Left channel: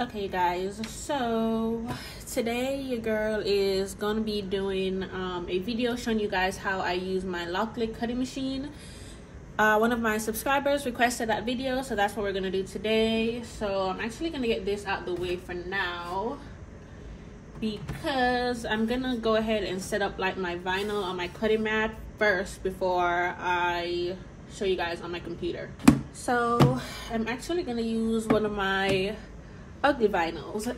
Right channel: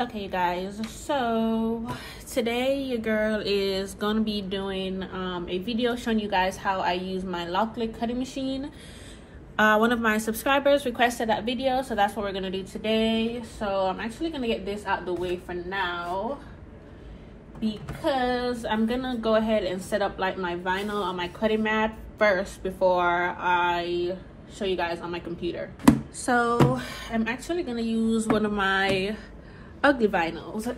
Okay guys, so today your girl is going to be doing a video showing you guys how I use my LokLik Cutting Machine. One of my subscribers requested that video, so that's what we're going to do today. So I'm actually going to get this out the way for now because I'm going to go ahead and set up like my vinyl on my cutting mat first before I show you guys on my computer. So I'm actually going to use one of my ugly vinyls.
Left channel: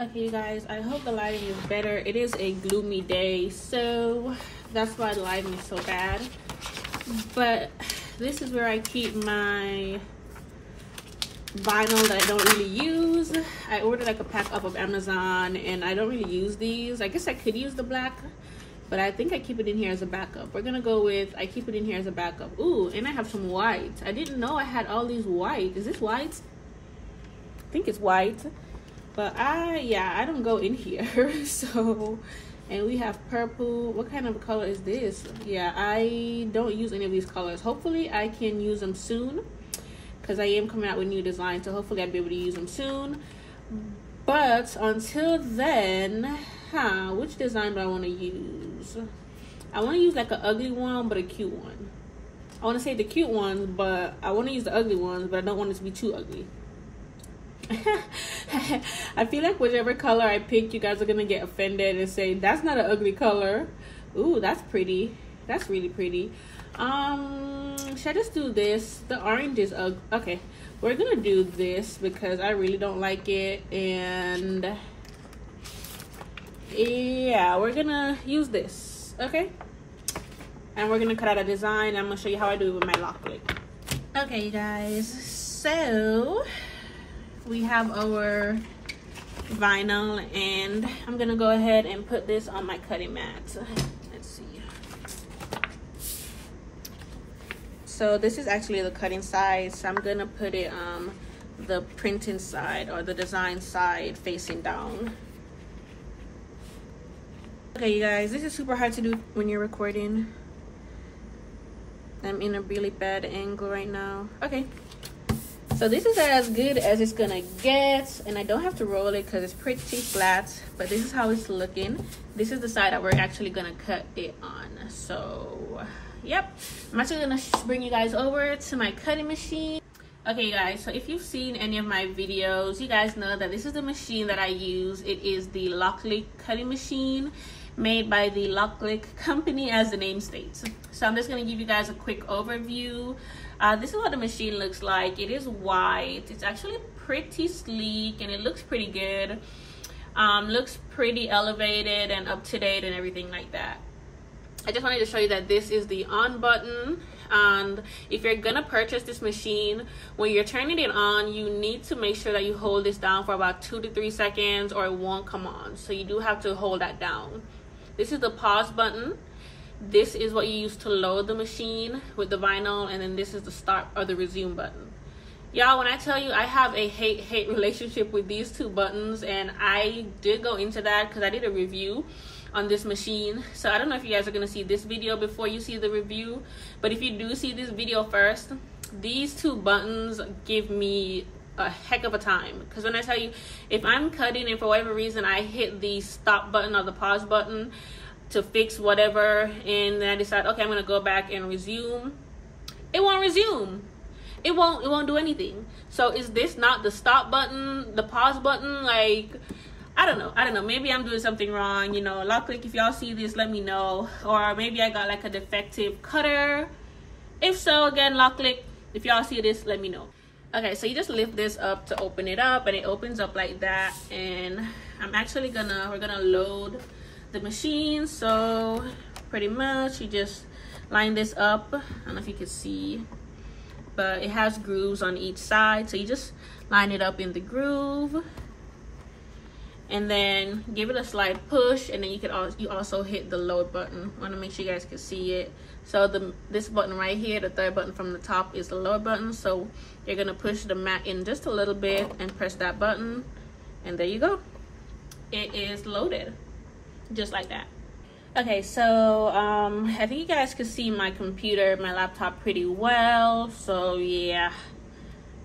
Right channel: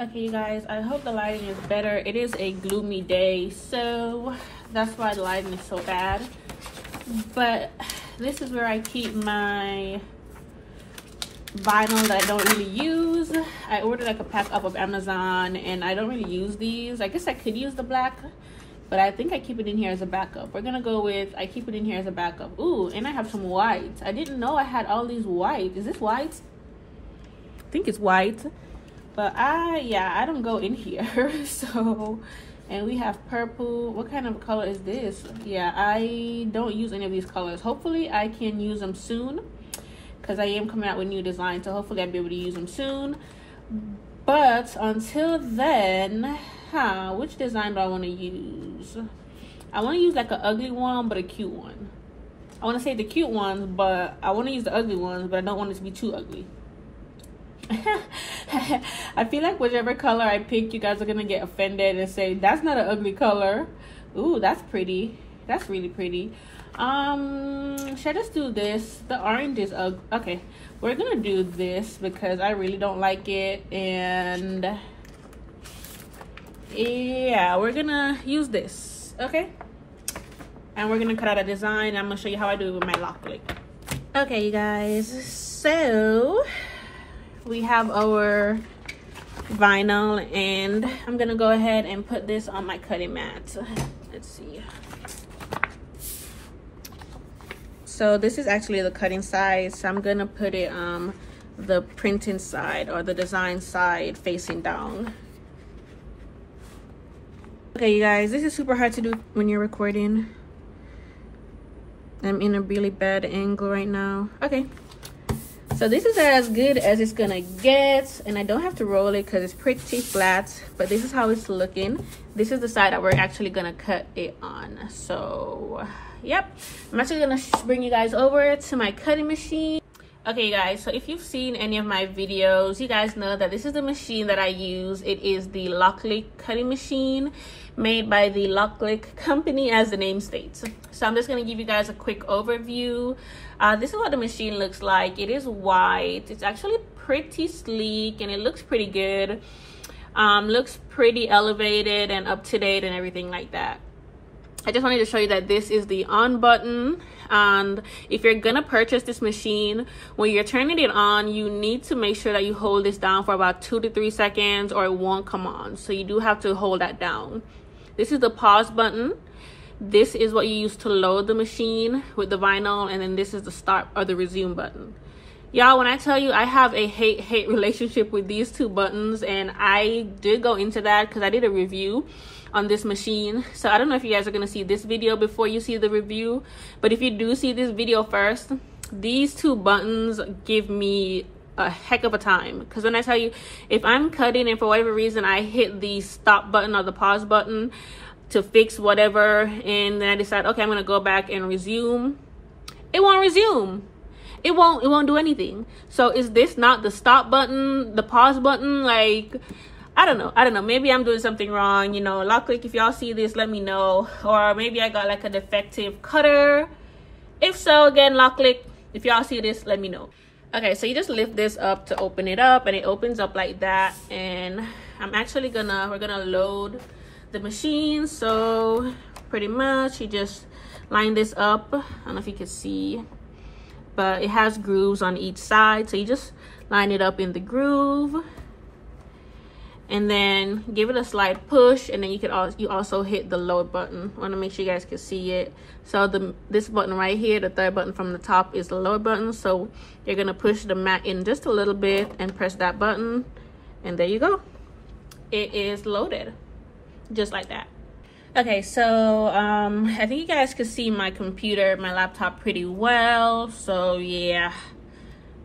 Okay you guys, I hope the lighting is better. It is a gloomy day, so that's why the lighting is so bad. But this is where I keep my vinyl that I don't really use. I ordered like a pack up of Amazon and I don't really use these. I guess I could use the black, but I think I keep it in here as a backup. We're gonna go with I keep it in here as a backup. Ooh, and I have some white. I didn't know I had all these white. Is this white? I think it's white, but I don't go in here. So, and we have purple. What kind of color is this? Yeah, I don't use any of these colors. Hopefully I can use them soon because I am coming out with new designs, so hopefully I'll be able to use them soon. But until then, which design do I want to use? I want to use like an ugly one but a cute one. I want to say the cute ones, but I want to use the ugly ones, but I don't want it to be too ugly. I feel like whichever color I pick, you guys are gonna get offended and say that's not an ugly color. Ooh, that's pretty. That's really pretty. Should I just do this? The orange is ugly. Okay, we're gonna do this because I really don't like it, and yeah, we're gonna use this. Okay, and we're gonna cut out a design. I'm gonna show you how I do it with my LokLik. Okay, you guys, so we have our vinyl and I'm gonna go ahead and put this on my cutting mat. Let's see. So this is actually the cutting side, so I'm gonna put it on the printing side or the design side facing down. Okay you guys, this is super hard to do when you're recording. I'm in a really bad angle right now. Okay. So this is as good as it's gonna get, and I don't have to roll it because it's pretty flat, but this is how it's looking. This is the side that we're actually gonna cut it on. So yep, I'm actually gonna bring you guys over to my cutting machine. Okay guys, so if you've seen any of my videos, you guys know that this is the machine that I use. It is the LokLik Cutting Machine, made by the LokLik company, as the name states. So I'm just going to give you guys a quick overview. This is what the machine looks like. It is white. It's actually pretty sleek and it looks pretty good. Looks pretty elevated and up to date and everything like that. I just wanted to show you that this is the on button, and if you're gonna purchase this machine, when you're turning it on, you need to make sure that you hold this down for about 2 to 3 seconds or it won't come on. So you do have to hold that down. This is the pause button. This is what you use to load the machine with the vinyl, and then this is the start or the resume button. Y'all, when I tell you I have a hate relationship with these two buttons, and I did go into that because I did a review on this machine. So I don't know if you guys are going to see this video before you see the review, but if you do see this video first, these two buttons give me a heck of a time. Because when I tell you, if I'm cutting and for whatever reason I hit the stop button or the pause button to fix whatever, and then I decide, okay, I'm going to go back and resume, it won't resume. It won't do anything. So is this not the stop button, the pause button? Like, I don't know. Maybe I'm doing something wrong. You know, LokLik, if y'all see this, let me know. Or maybe I got like a defective cutter. If so, again, LokLik, if y'all see this, let me know. Okay, so you just lift this up to open it up, and it opens up like that. And I'm actually we're gonna load the machine. So pretty much you just line this up. I don't know if you can see, but it has grooves on each side. So you just line it up in the groove, and then give it a slight push, and then you also hit the lower button. I want to make sure you guys can see it. So this button right here, the third button from the top, is the lower button. So you're gonna push the mat in just a little bit and press that button, and there you go. It is loaded, just like that. Okay, so I think you guys can see my computer, my laptop pretty well. So yeah,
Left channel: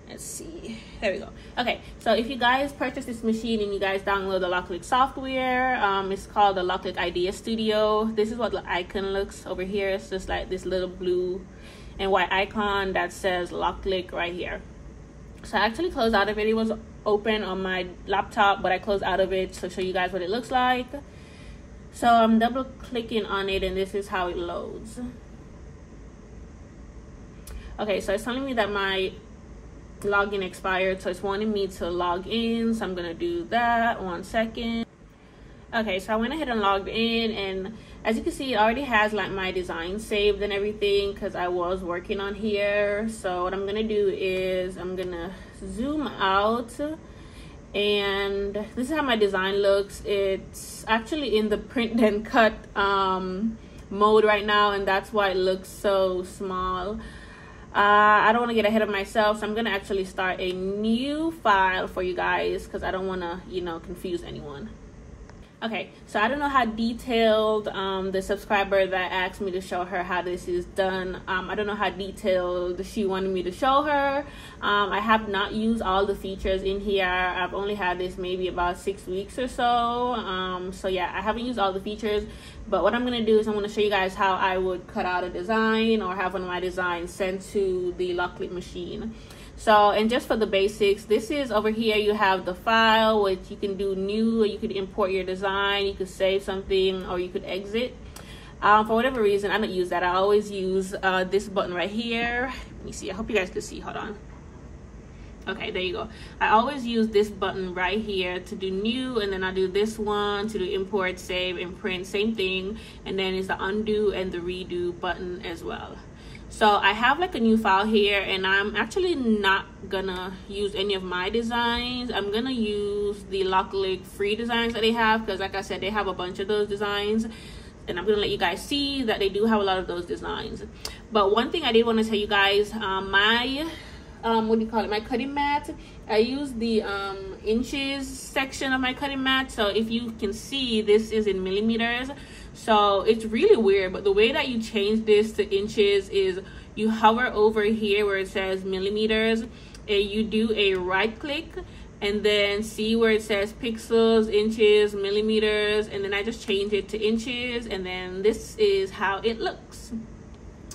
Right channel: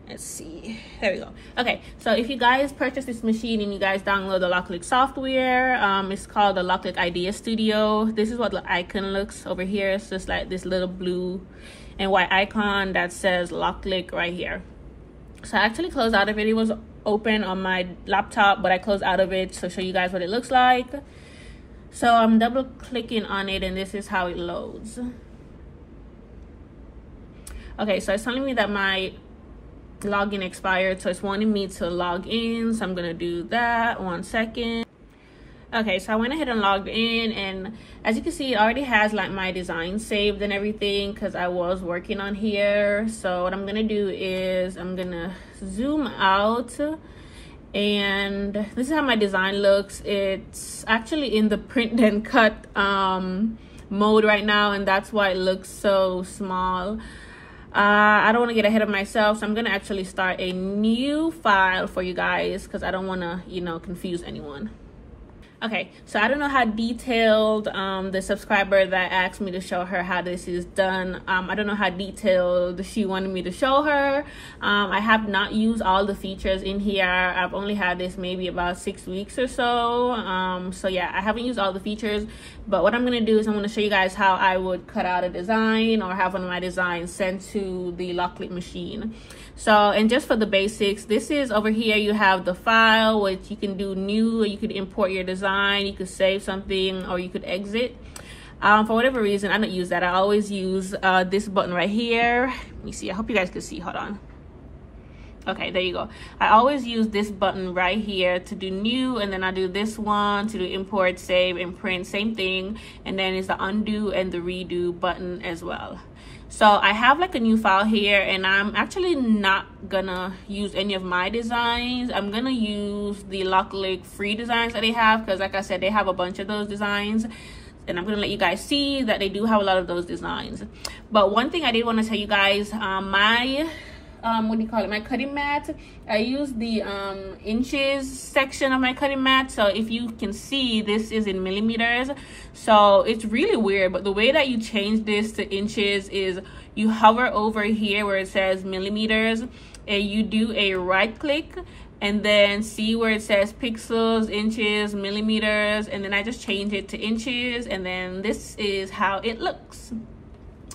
Let's see, there we go. Okay, so if you guys purchase this machine and you guys download the LokLik software, it's called the LokLik Idea Studio. This is what the icon looks over here. It's just like this little blue and white icon that says LokLik right here. So I actually closed out of it. It was open on my laptop, but I closed out of it to show you guys what it looks like. So I'm double clicking on it and this is how it loads. Okay, so it's telling me that my login expired, so it's wanting me to log in, so I'm gonna do that. 1 second. Okay, so I went ahead and logged in, and as you can see, it already has like my design saved and everything because I was working on here. So what I'm gonna do is I'm gonna zoom out, and this is how my design looks. It's actually in the print and cut mode right now, and that's why it looks so small. I don't want to get ahead of myself, so I'm gonna actually start a new file for you guys because I don't want to, you know, confuse anyone. Okay, so I don't know how detailed the subscriber that asked me to show her how this is done, I don't know how detailed she wanted me to show her. I have not used all the features in here. I've only had this maybe about 6 weeks or so. So yeah, I haven't used all the features, but what I'm gonna do is I'm gonna show you guys how I would cut out a design or have one of my designs sent to the LokLik machine. So, and just for the basics, this is over here, you have the file, which you can do new, or you could import your design, you could save something, or you could exit. For whatever reason, I don't use that. I always use this button right here. Let me see, I hope you guys can see, hold on. Okay, there you go. I always use this button right here to do new, and then I do this one to do import, save, and print, same thing. And then it's the undo and the redo button as well. So I have like a new file here, and I'm actually not gonna use any of my designs. I'm gonna use the LokLik free designs that they have, because like I said, they have a bunch of those designs, and I'm gonna let you guys see that they do have a lot of those designs. But one thing I did want to tell you guys, my what do you call it, my cutting mat, I use the inches section of my cutting mat. So if you can see, this is in millimeters, so it's really weird, but the way that you change this to inches is you hover over here where it says millimeters, and you do a right click, and then see where it says pixels, inches, millimeters, and then I just change it to inches, and then this is how it looks.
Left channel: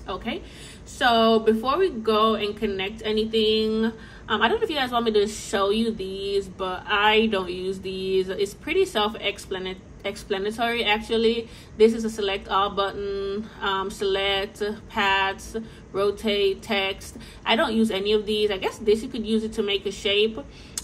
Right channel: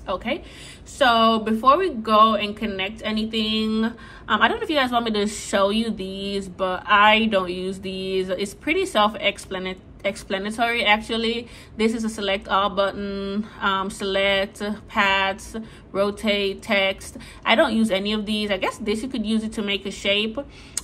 Okay, so before we go and connect anything, I don't know if you guys want me to show you these, but I don't use these. It's pretty self-explanatory actually. This is a select all button, select, paths, rotate, text. I don't use any of these. I guess this, you could use it to make a shape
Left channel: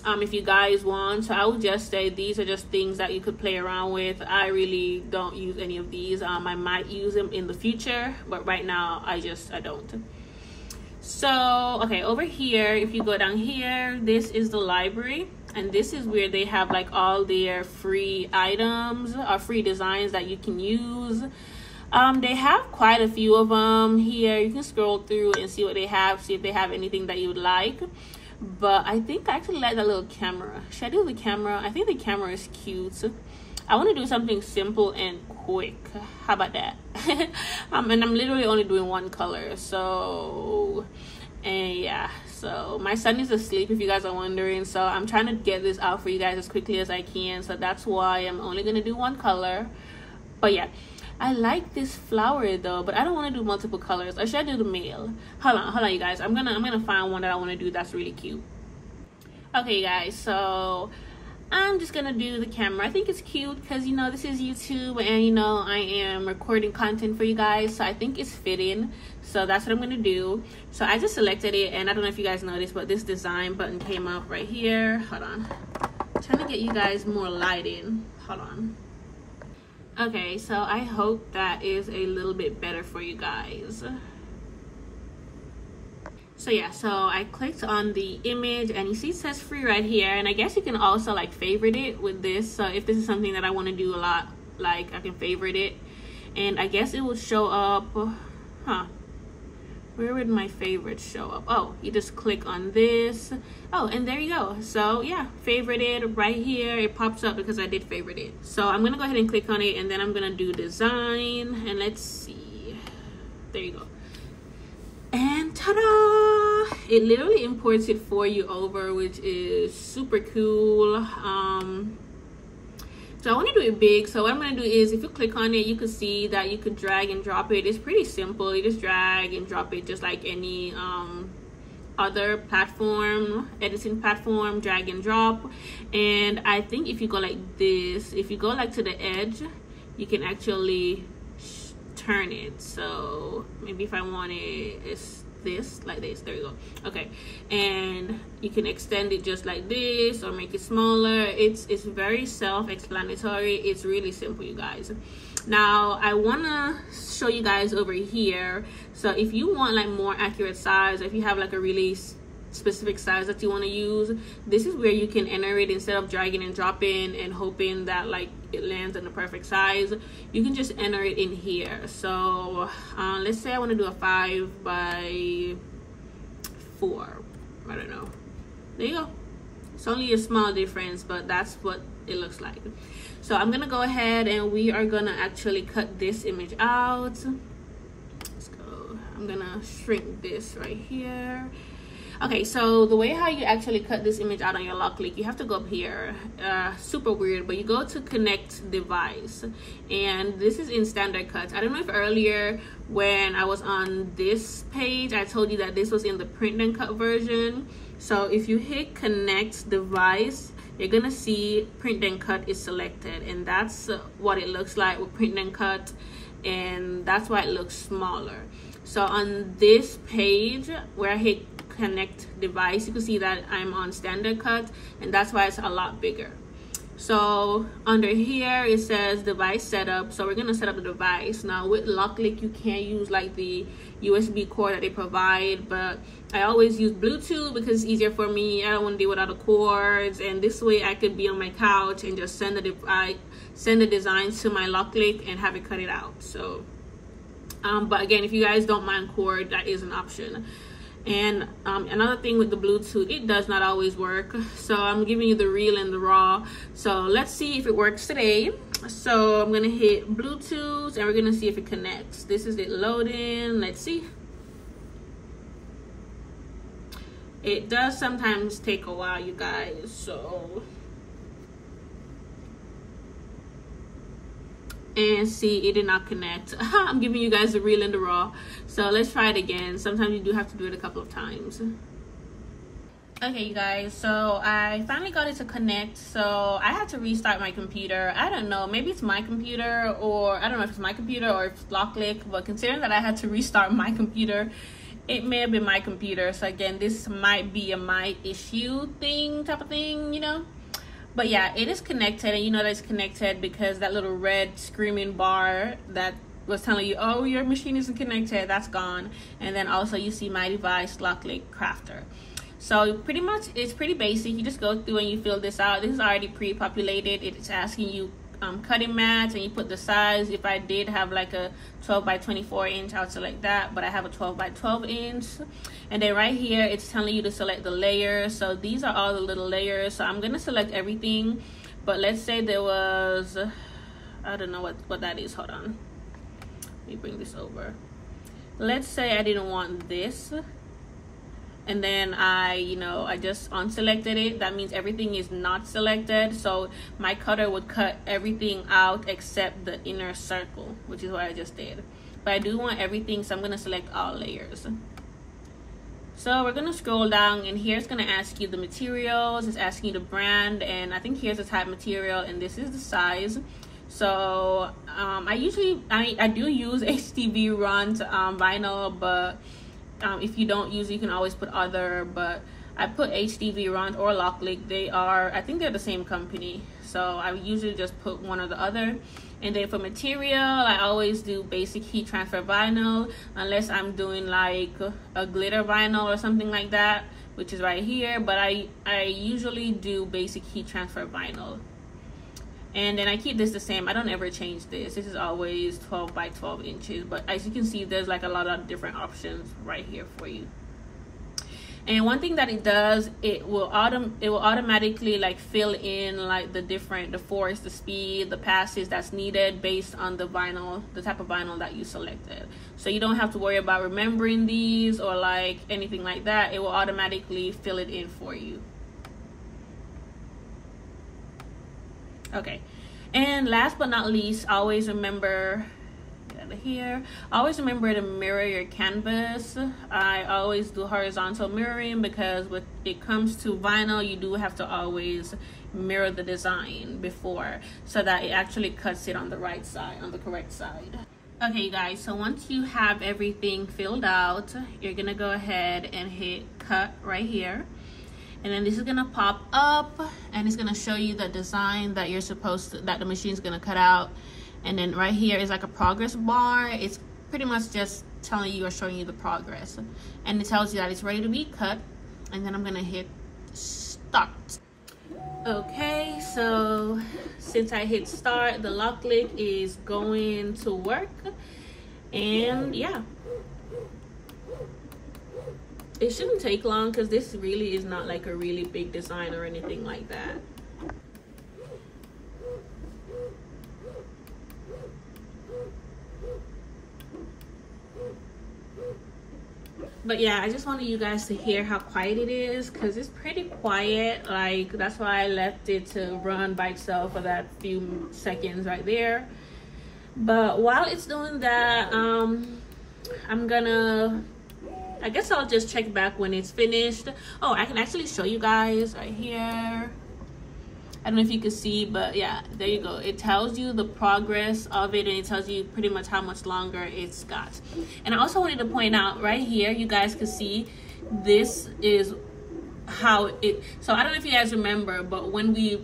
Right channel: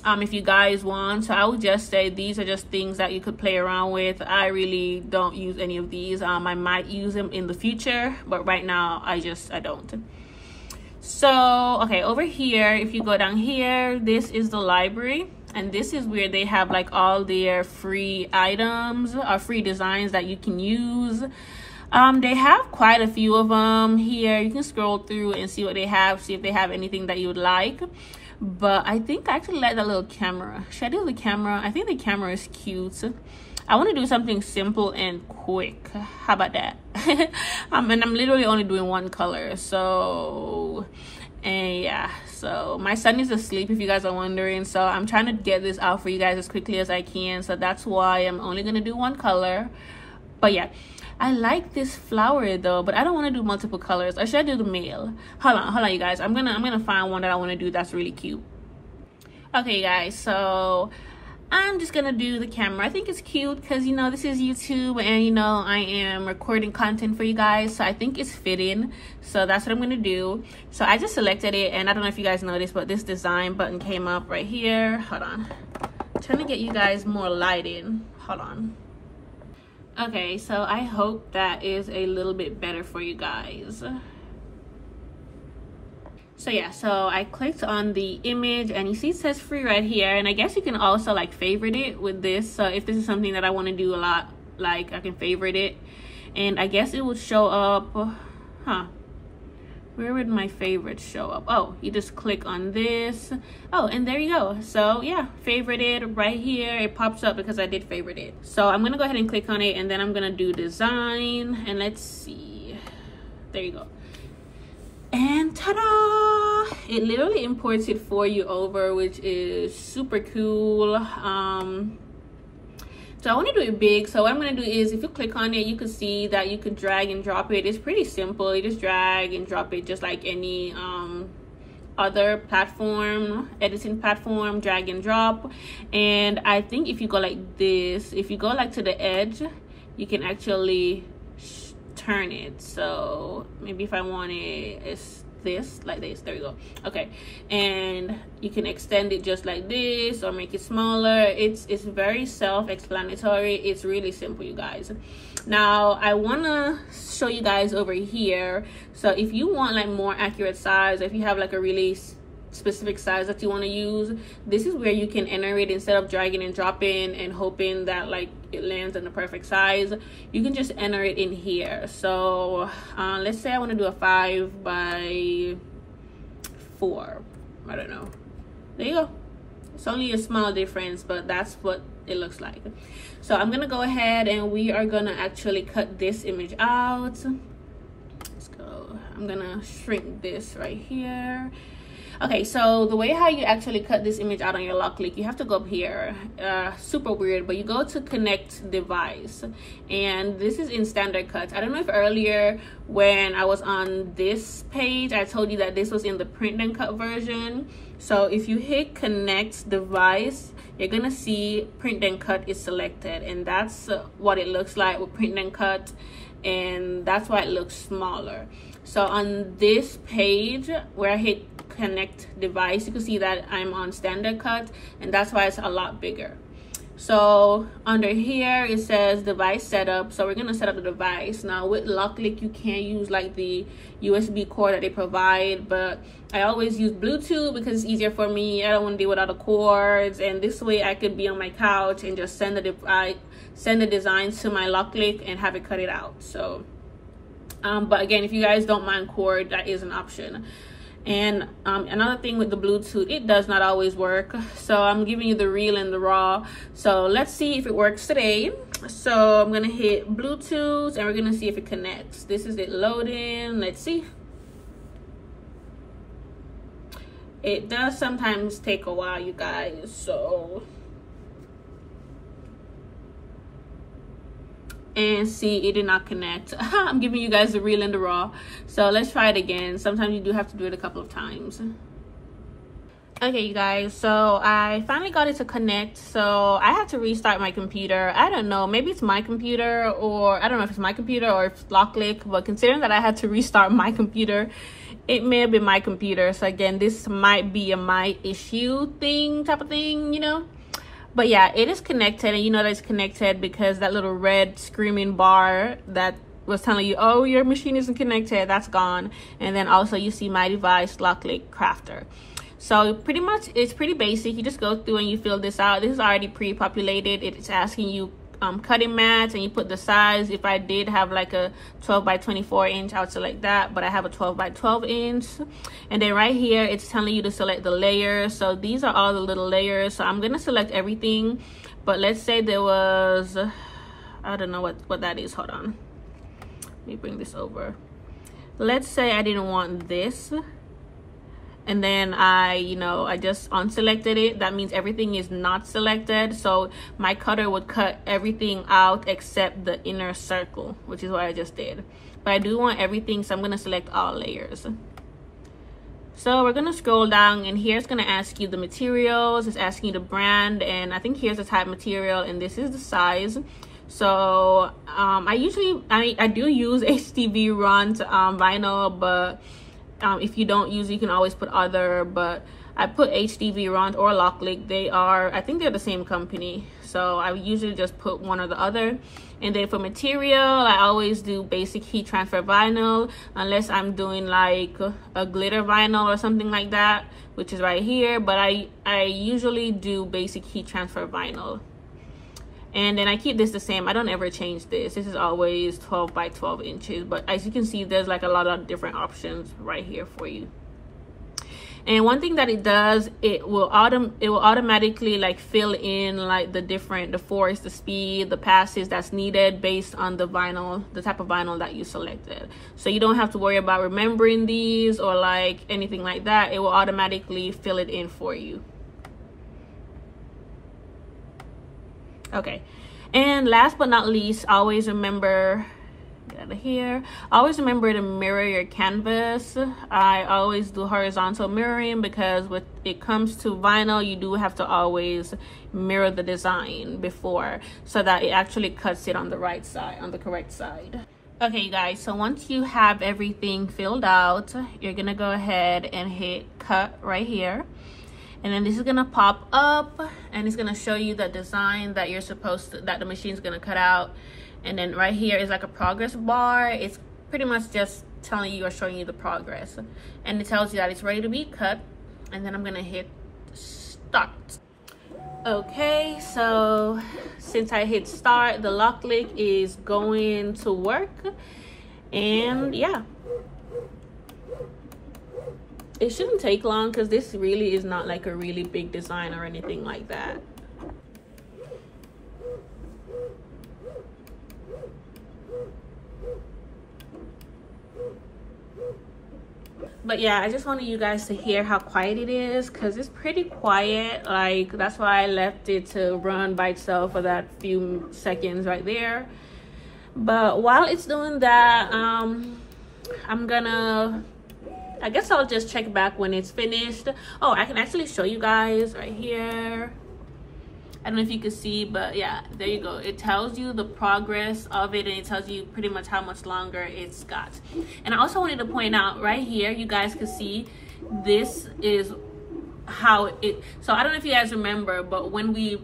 if you guys want. So I would just say these are just things that you could play around with. I really don't use any of these. I might use them in the future, but right now I don't. So okay, over here, if you go down here, this is the library, and this is where they have like all their free items or free designs that you can use. They have quite a few of them here. You can scroll through and see what they have, see if they have anything that you would like. But I think I actually like that little camera. Should I do the camera? I think the camera is cute. I want to do something simple and quick. How about that? And I'm literally only doing one color. So, and yeah. So my son is asleep, if you guys are wondering. So I'm trying to get this out for you guys as quickly as I can. So that's why I'm only going to do one color. But yeah, I like this flower though, but I don't want to do multiple colors. Or should I do the male? Hold on, you guys. I'm gonna find one that I want to do that's really cute. Okay, guys. So I'm just gonna do the camera. I think it's cute because, you know, this is YouTube, and you know I am recording content for you guys, so I think it's fitting. So that's what I'm gonna do. So I just selected it, and I don't know if you guys noticed, but this design button came up right here. Hold on, I'm trying to get you guys more lighting. Hold on. Okay, so I hope that is a little bit better for you guys. So yeah, so I clicked on the image, and you see it says free right here, and I guess you can also like favorite it with this. So if this is something that I want to do a lot, like I can favorite it, and I guess it will show up. Where would my favorites show up? Oh, you just click on this. Oh, and there you go. So yeah, favorite it right here. It pops up because I did favorite it. So I'm gonna go ahead and click on it, and then I'm gonna do design, and let's see. There you go. And ta-da! It literally imports it for you over, which is super cool. So I want to do it big. So what I'm going to do is, if you click on it, you can see that you could drag and drop it. It's pretty simple. You just drag and drop it just like any other platform, editing platform, drag and drop. And I think if you go like this, if you go like to the edge, you can actually turn it. So maybe if I want it, it's this, like this. There you go. Okay, and you can extend it just like this or make it smaller. It's very self-explanatory. It's really simple, you guys. Now I want to show you guys over here. So if you want like more accurate size, if you have like a really specific size that you want to use, this is where you can enter it. Instead of dragging and dropping and hoping that like it lands in the perfect size, you can just enter it in here. So let's say I want to do a 5 by 4. I don't know. There you go. It's only a small difference, but that's what it looks like. So I'm gonna go ahead and we are gonna actually cut this image out. Let's go. I'm gonna shrink this right here. Okay, so the way how you actually cut this image out on your LokLik, you have to go up here. Super weird, but you go to connect device, and this is in standard cuts. I don't know if earlier when I was on this page, I told you that this was in the print and cut version. So if you hit connect device, you're gonna see print and cut is selected, and that's what it looks like with print and cut, and that's why it looks smaller. So on this page where I hit connect device, you can see that I'm on standard cut, and that's why it's a lot bigger. So under here it says device setup, so we're gonna set up the device. Now with LokLik you can't use like the USB cord that they provide, but I always use Bluetooth because it's easier for me. I don't want to deal with other cords, and this way I could be on my couch and just send the designs to my LokLik and have it cut it out. So but again, if you guys don't mind cord, that is an option. And another thing with the Bluetooth, it does not always work. So I'm giving you the real and the raw. So let's see if it works today. So I'm gonna hit Bluetooth and we're gonna see if it connects. This is it loading. Let's see. It does sometimes take a while, you guys. So and see, it did not connect. I'm giving you guys the real and the raw. So let's try it again. Sometimes you do have to do it a couple of times. Okay, you guys, so I finally got it to connect. So I had to restart my computer. I don't know, maybe it's my computer, or I don't know if it's my computer or if it's LokLik, but considering that I had to restart my computer, it may have been my computer. So again, this might be a my issue thing, type of thing, you know. But yeah, it is connected, and you know that it's connected because that little red screaming bar that was telling you, oh, your machine isn't connected, that's gone. And then also you see my device, LokLik Crafter. So pretty much it's pretty basic. You just go through and you fill this out. This is already pre-populated. It's asking you cutting mats, and you put the size. If I did have like a 12 by 24 inch, I would select that, but I have a 12 by 12 inch. And then right here it's telling you to select the layers. So these are all the little layers. So I'm gonna select everything, but let's say there was, I don't know what that is. Hold on, let me bring this over. Let's say I didn't want this, and then I just unselected it. That means everything is not selected. So my cutter would cut everything out except the inner circle, which is what I just did. But I do want everything, so I'm gonna select all layers. So we're gonna scroll down, and here it's gonna ask you the materials. It's asking you the brand, and I think here's the type material, and this is the size. So I do use HTV runs vinyl, but if you don't use it, you can always put other, but I put HTV Runs or LokLik. I think they're the same company, so I usually just put one or the other. And then for material, I always do basic heat transfer vinyl, unless I'm doing like a glitter vinyl or something like that, which is right here. But I usually do basic heat transfer vinyl. And then I keep this the same. I don't ever change this. This is always 12 by 12 inches. But as you can see, there's like a lot of different options right here for you. And one thing that it does, it will automatically like fill in like the force, the speed, the passes that's needed based on the vinyl, the type of vinyl that you selected. So you don't have to worry about remembering these or like anything like that. It will automatically fill it in for you. Okay, and last but not least, always remember here, always remember to mirror your canvas. I always do horizontal mirroring because when it comes to vinyl, you do have to always mirror the design before, so that it actually cuts it on the right side, on the correct side. Okay, you guys, so once you have everything filled out, you're gonna go ahead and hit cut right here. And then this is gonna pop up and it's gonna show you the design that you're supposed to, that the machine's gonna cut out. And then right here is like a progress bar. It's pretty much just telling you or showing you the progress. And it tells you that it's ready to be cut. And then I'm gonna hit start. Okay, so since I hit start, the LokLik is going to work. And yeah, it shouldn't take long because this really is not like a really big design or anything like that. But yeah, I just wanted you guys to hear how quiet it is because it's pretty quiet. Like, that's why I left it to run by itself for that few seconds right there. But while it's doing that, I guess I'll just check back when it's finished. Oh, I can actually show you guys right here. I don't know if you can see, but yeah, there you go. It tells you the progress of it, and it tells you pretty much how much longer it's got. And I also wanted to point out right here, you guys can see this is how it, so I don't know if you guys remember, but when we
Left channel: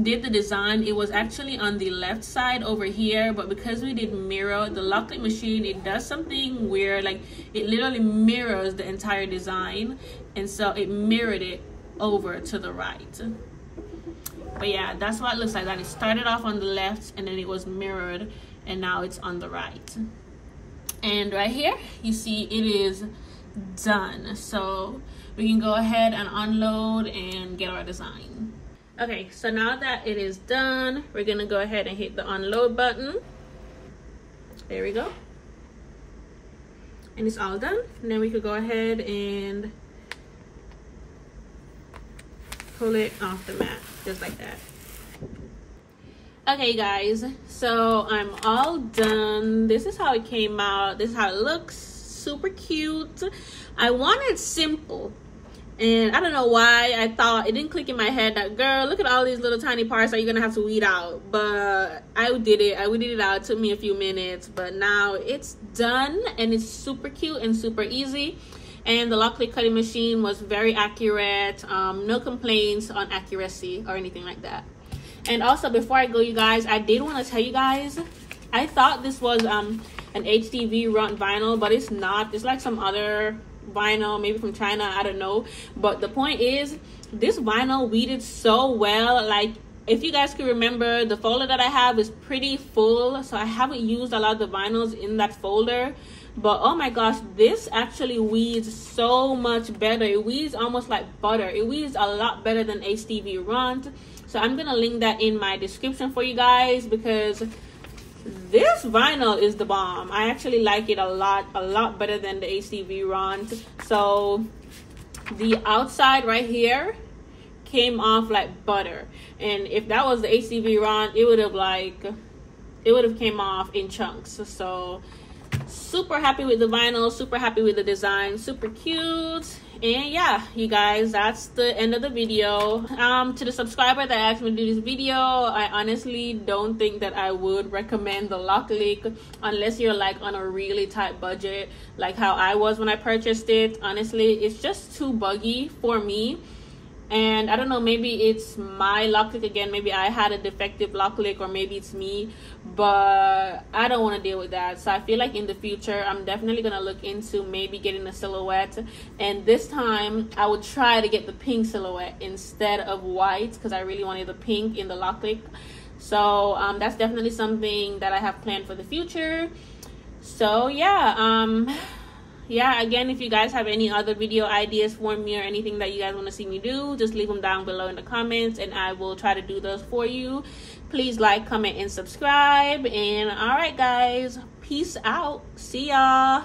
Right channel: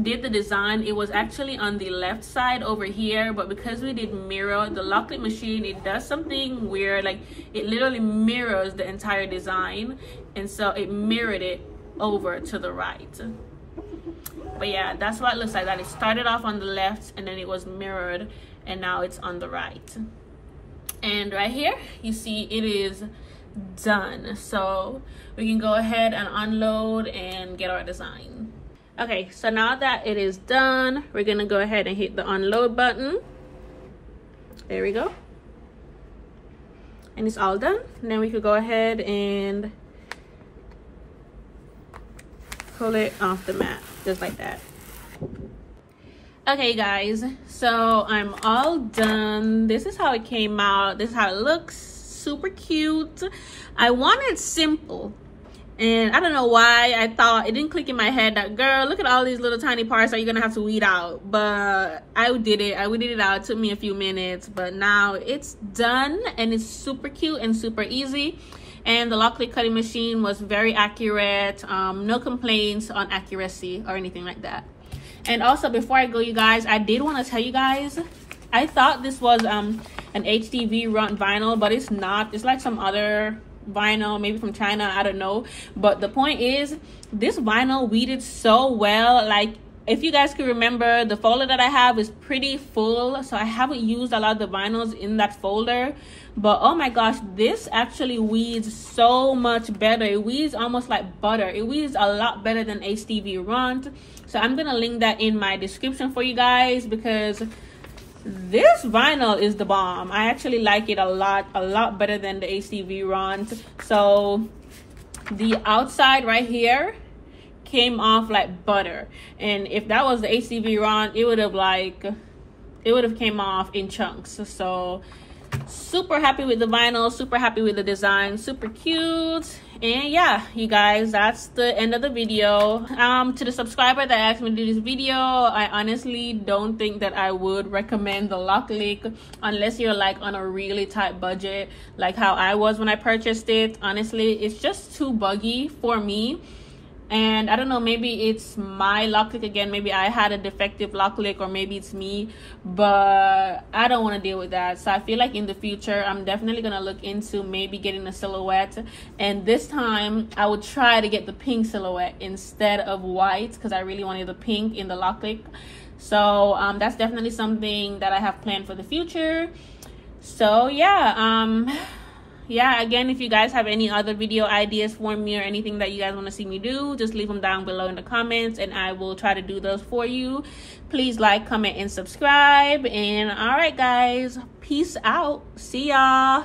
did the design, it was actually on the left side over here, but because we did mirror, the LokLik machine, it does something weird, like it literally mirrors the entire design, and so it mirrored it over to the right. But yeah, that's what it looks like, that it started off on the left and then it was mirrored and now it's on the right. And right here you see it is done, so we can go ahead and unload and get our design. Okay, so now that it is done, we're gonna go ahead and hit the unload button. There we go, and it's all done. And then we could go ahead and pull it off the mat just like that. Okay guys, so I'm all done. This is how it came out. This is how it looks. Super cute. I wanted simple, and I don't know why I thought, it didn't click in my head that, girl, look at all these little tiny parts that you're gonna have to weed out. But I did it. I weeded it out. It took me a few minutes, but now it's done and it's super cute and super easy. And the LokLik cutting machine was very accurate. No complaints on accuracy or anything like that. And also, before I go, you guys, I did want to tell you guys, I thought this was an HDV run vinyl, but it's not. It's like some other vinyl, maybe from China, I don't know. But the point is, this vinyl weeded so well. Like, if you guys can remember, the folder that I have is pretty full, so I haven't used a lot of the vinyls in that folder. But oh my gosh, this actually weeds so much better. It weeds almost like butter. It weeds a lot better than HDV runs. So I'm gonna link that in my description for you guys, because this vinyl is the bomb. I actually like it a lot better than the HDV runs. So the outside right here came off like butter, and if that was the HDV run, it would have came off in chunks. So super happy with the vinyl, super happy with the design, super cute. And yeah, you guys, that's the end of the video. To the subscriber that asked me to do this video, I honestly don't think that I would recommend the LokLik unless you're like on a really tight budget, like how I was when I purchased it. Honestly, it's just too buggy for me. And I don't know, maybe it's my LokLik again, maybe I had a defective LokLik, or maybe it's me, but I don't want to deal with that. So I feel like in the future, I'm definitely going to look into maybe getting a silhouette, and this time I would try to get the pink silhouette instead of white, because I really wanted the pink in the LokLik. So that's definitely something that I have planned for the future. So yeah, yeah, again, if you guys have any other video ideas for me or anything that you guys want to see me do, just leave them down below in the comments and I will try to do those for you. Please like, comment, and subscribe. And all right, guys, peace out. See y'all.